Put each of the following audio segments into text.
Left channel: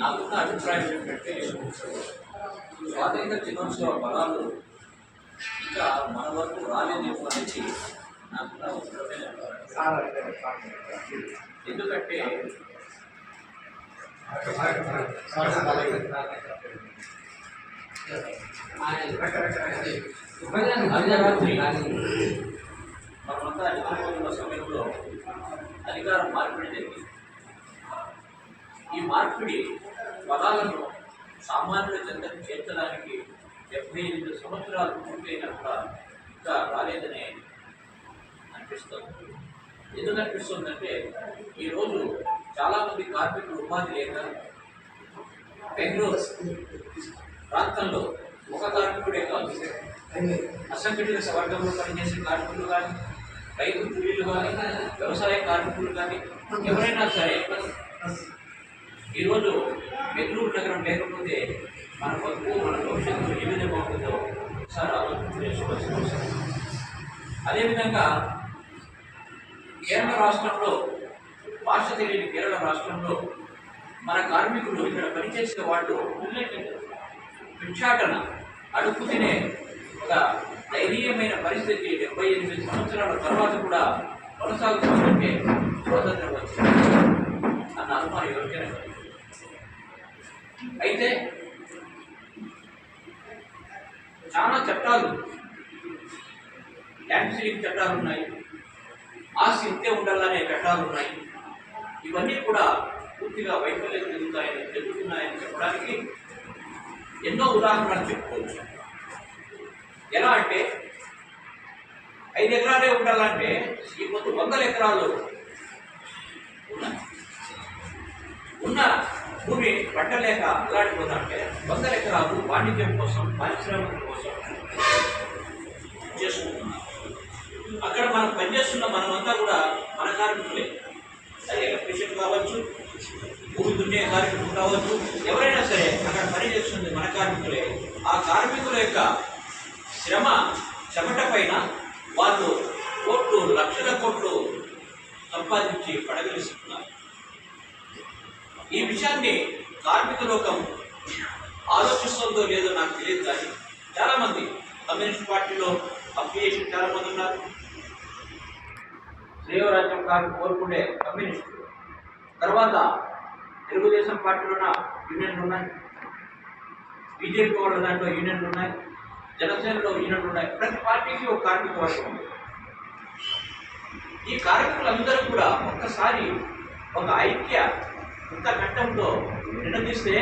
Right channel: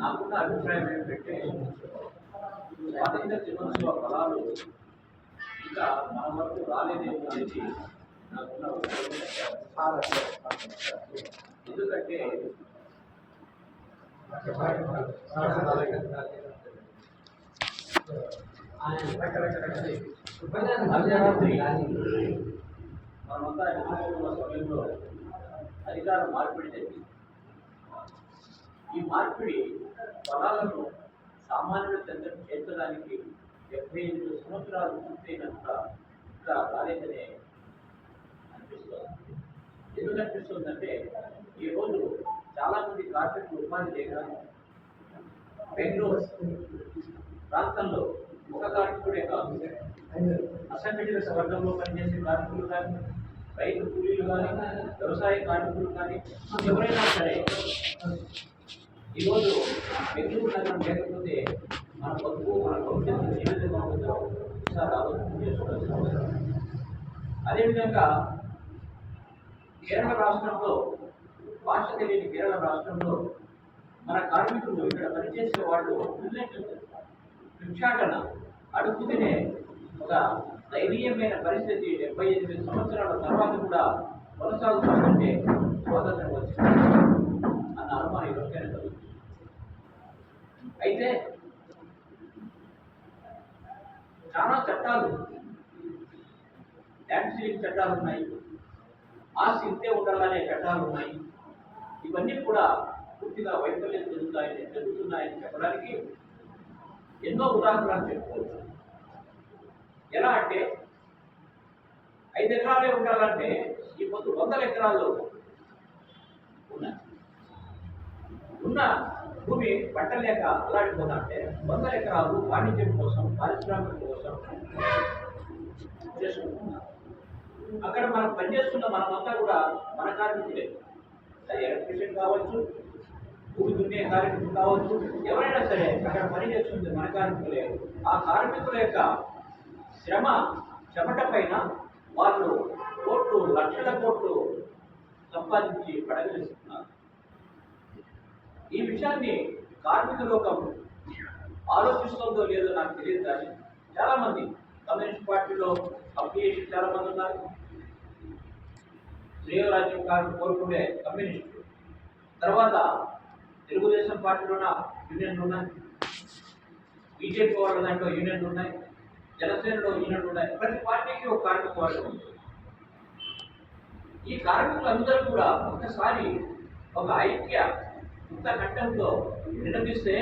నాకున్న అభిప్రాయం ఏంటంటే స్వాతంత్ర దినోత్సవ బలాలు ఇంకా మన వరకు రాలేదేమో అనేది నాకున్న ఎందుకంటే అర్ధరాత్రి మనమంతా నిద్రపోతున్న సమయంలో అధికారం మార్పిడి జరిగింది. ఈ మార్పిడి ఫలాలను సామాన్యుల చెంతకు చేర్చడానికి 78 సంవత్సరాలు పూర్తయినప్పుడు ఇంకా రాలేదనే అనిపిస్తుంది. ఎందుకు అనిపిస్తుందంటే ఈరోజు చాలామంది కార్మికులు ఉపాధి లేక బెంగళూరు ప్రాంతంలో ఒక కార్మికుడే కాదు, అసంఘటిత వర్గంలో పనిచేసే కార్మికులు కానీ, రైతు కూలీలు కానీ, వ్యవసాయ కార్మికులు కానీ ఎవరైనా సరే ఈరోజు బెంగళూరు నగరం లేకపోతే మన బతుకు మన భవిష్యత్తు ఏ విధంగా ఉంటుందో ఒకసారి ఆలోచన చేసుకోవాల్సిన అవసరం. అదేవిధంగా కేరళ రాష్ట్రంలో భాష తెలియని కేరళ రాష్ట్రంలో మన కార్మికులు ఇక్కడ పనిచేసే వాళ్ళు భిక్షాటన అడుగు తినే ఒక ధైర్యమైన పరిస్థితి 78 సంవత్సరాల తర్వాత కూడా కొనసాగుతుందంటే స్వాతంత్రం వచ్చింది అన్న అనుమానం ఎవరికైనా కలిగింది. అయితే చాలా చట్టాలు, ల్యాండ్ సీలింగ్ చట్టాలు ఉన్నాయి, ఆస్తి ఇంతే ఉండాలనే చట్టాలు ఉన్నాయి. ఇవన్నీ కూడా పూర్తిగా వైఫల్యం జరుగుతున్నాయని చెప్పడానికి ఎన్నో ఉదాహరణలు చెప్పుకోవచ్చు. ఎలా అంటే 5 ఎకరాలే ఉండాలంటే ఈ పొద్దు 100 ఎకరాలు ఉన్నాయి. ఉన్న భూమి పట్టలేక అల్లాడిపోతుంటే 100 ఎకరాలు వాణిజ్యం కోసం, పారిశ్రామికల కోసం చేసుకుంటున్నారు. అక్కడ మనం పనిచేస్తున్న మనమంతా కూడా మన కార్మికులే. అది ఎలక్ట్రీషియన్ కావచ్చు, భూమి దున్నే కార్మికులు కావచ్చు, ఎవరైనా సరే అక్కడ పనిచేస్తుంది మన కార్మికులే. ఆ కార్మికుల యొక్క శ్రమ చెమట పైన వాళ్ళు కోట్లు, లక్షల కోట్లు సంపాదించి పడగలిస్తున్నారు. ఈ విషయాన్ని కార్మిక లోకం ఆలోచిస్తుందో లేదో నాకు తెలియదు. కానీ చాలామంది కమ్యూనిస్ట్ పార్టీలో అఫిలియేషన్ చాలామంది ఉన్నారు. శ్రేయరాజ్యం కోరుకునే కమ్యూనిస్టులు, తర్వాత తెలుగుదేశం పార్టీలోన యూనియన్లు ఉన్నాయి, బీజేపీ వాళ్ళ దాంట్లో యూనియన్లు ఉన్నాయి, జనసేనలో యూనియన్లు ఉన్నాయి. ప్రతి పార్టీకి ఒక కార్మిక వర్గం ఉంది. ఈ కార్మికులందరూ కూడా ఒక్కసారి ఒక ఐక్య ఘట్టంతో నిలదీస్తే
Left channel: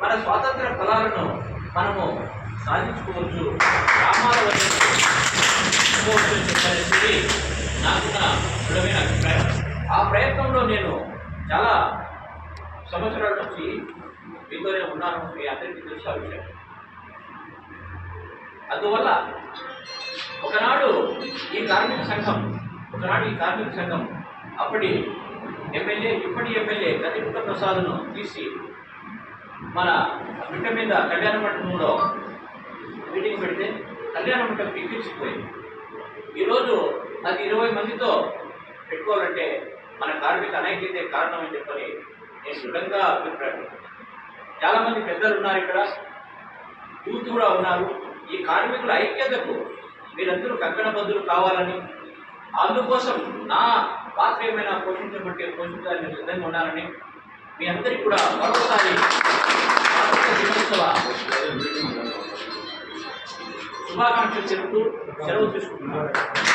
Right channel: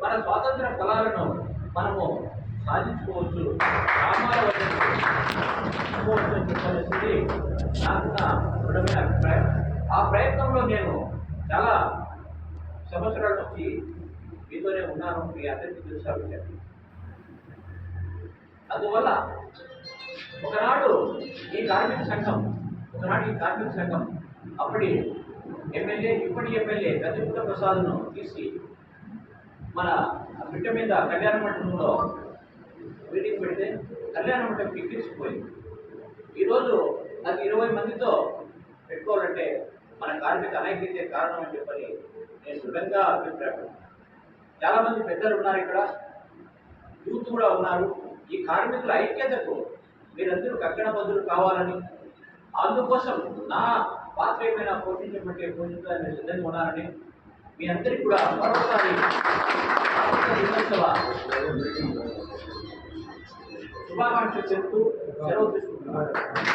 మన స్వాతంత్ర ఫలాలను మనము సాధించుకోవచ్చు, గ్రామాల వరకు చెప్పనేది నాకున్న దృఢమైన అభిప్రాయం. ఆ ప్రయత్నంలో నేను చాలా సంవత్సరాల నుంచి మీతోనే ఉన్నాను, మీ అందరికీ తెలుసా విషయం. అందువల్ల ఒకనాడు ఈ కార్మిక సంఘం అప్పటి ఎమ్మెల్యే, ఇప్పటి ఎమ్మెల్యే కదిపుట్ట ప్రసాద్ను తీసి మన బిడ్డ మీద కళ్యాణ మండపంలో మీటింగ్ పెడితే కళ్యాణ మండపం ఎక్కించిపోయింది. ఈరోజు అది 20 మందితో పెట్టుకోవాలంటే మన కార్మిక అనైక్యతే కారణం అని చెప్పని నేను దృఢంగా అభిప్రాయపడుతున్నాను. చాలామంది పెద్దలు ఉన్నారు, ఇక్కడ యూత్ కూడా ఉన్నారు. ఈ కార్మికుల ఐక్యతకు మీరందరూ కంకణబద్ధులు కావాలని, అందుకోసం నా పాత్ర ఏమైనా పోషించడానికి సిద్ధంగా ఉన్నారని మీ అందరికీ కూడా మరోసారి దినోత్సవ శుభాకాంక్షలు చెబుతూ సెలవు తీసుకుంటున్నాను.